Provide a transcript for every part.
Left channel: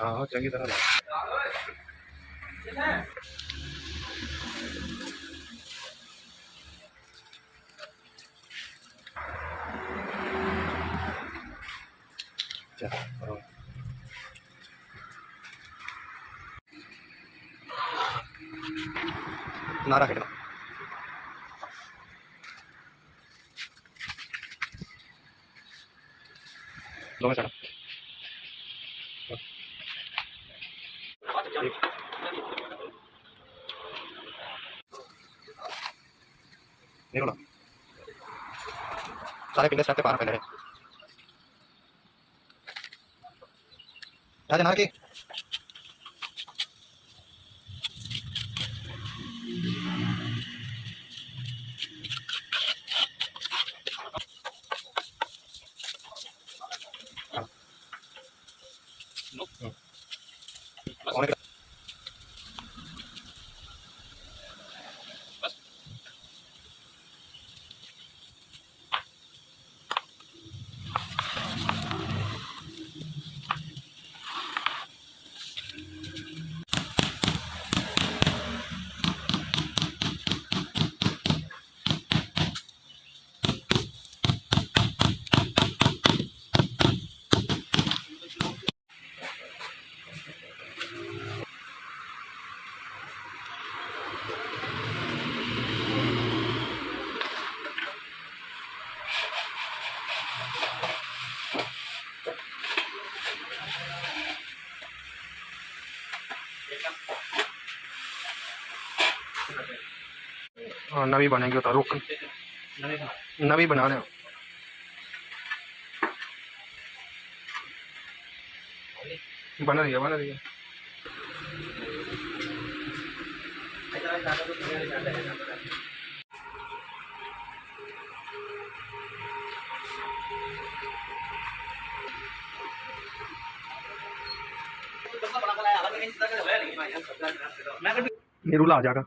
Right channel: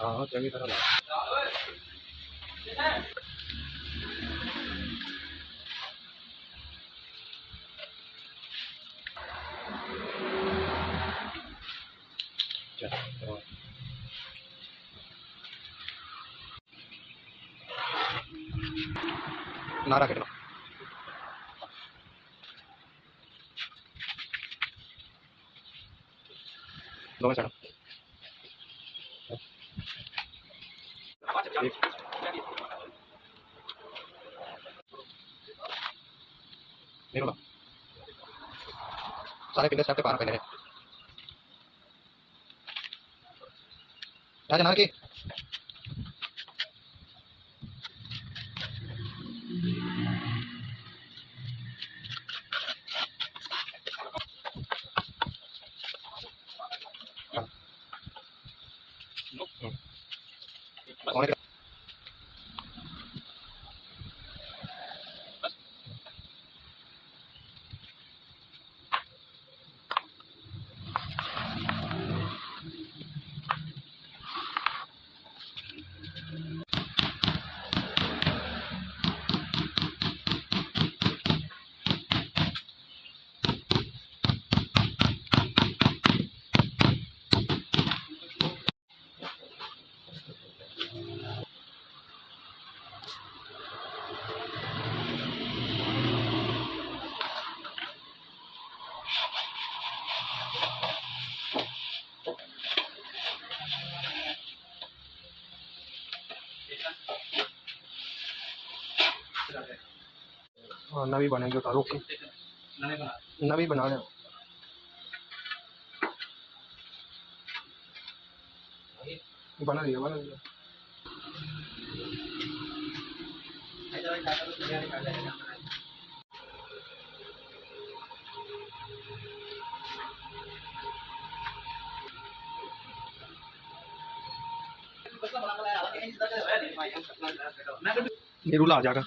हाँ चंगी तरह नारा कटना दोनों साइड नहीं सारे पिंडे स्टैप पे पार पहले हैं राजा नार की हाँ नवी बनेगी तो रुक नवी बना ले बन रही है ये रूला आ जाएगा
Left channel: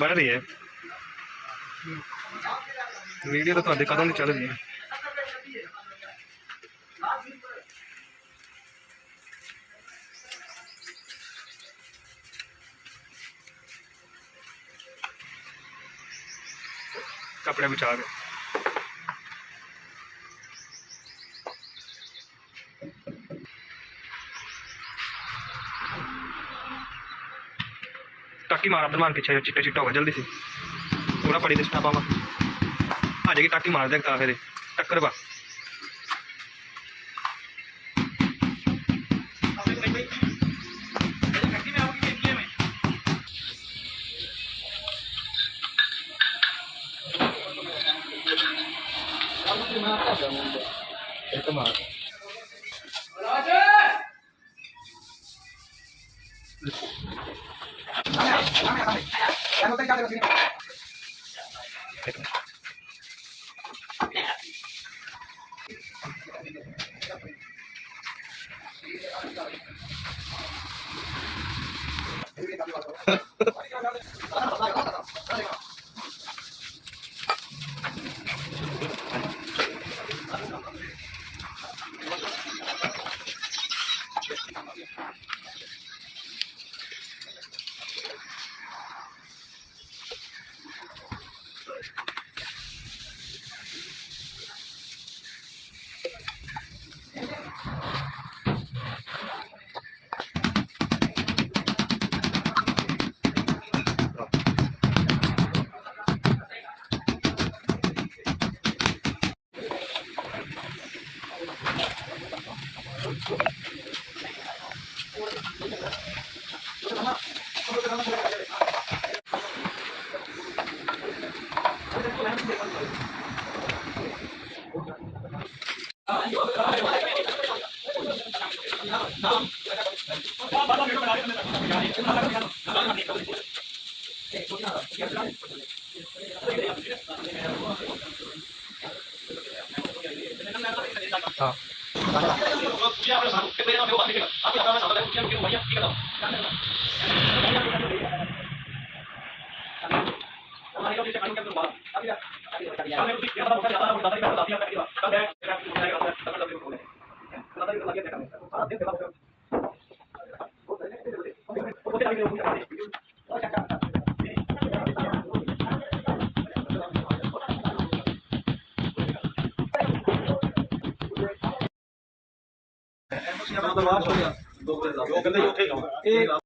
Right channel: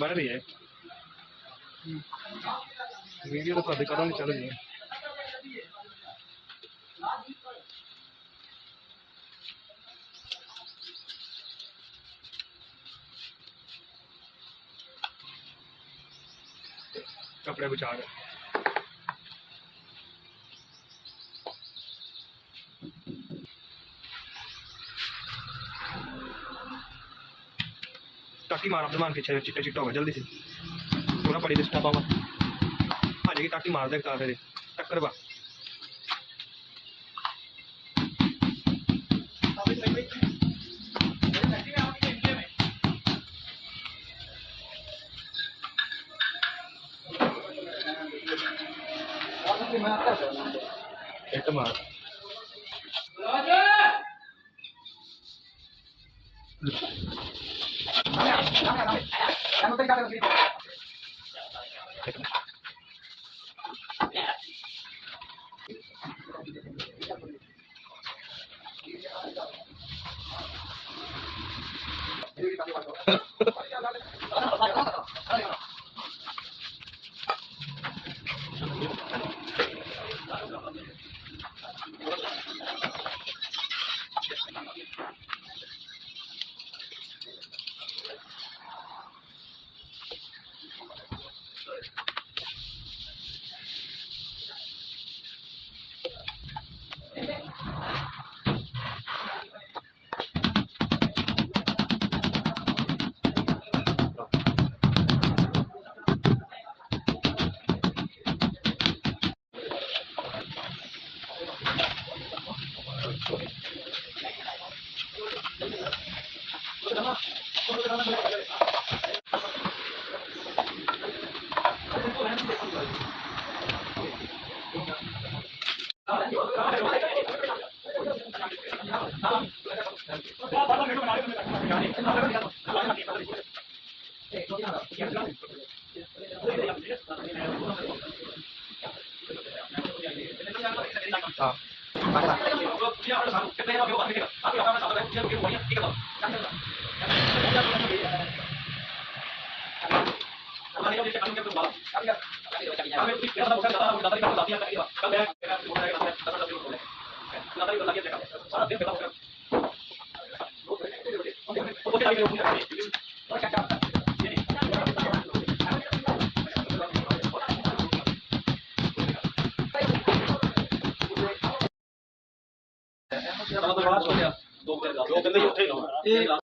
बन रही है वीडियो तो ਤੁਹਾਡੇ ਕਦੋਂ ਦੀ ਚੱਲ ਰਹੀ है कपड़े बचा के टाकी मार अब्दुल पीछे चिट्टे चिट्टा होगा जल्दी से पूरा पड़ी दिखता पावा आ जाएगी टाकी मार दे फिर टक्कर बा एक मार ਦੋ ਕਹਿੰਦੇ ਉੱਥੇ ਹੀ ਲਾਓ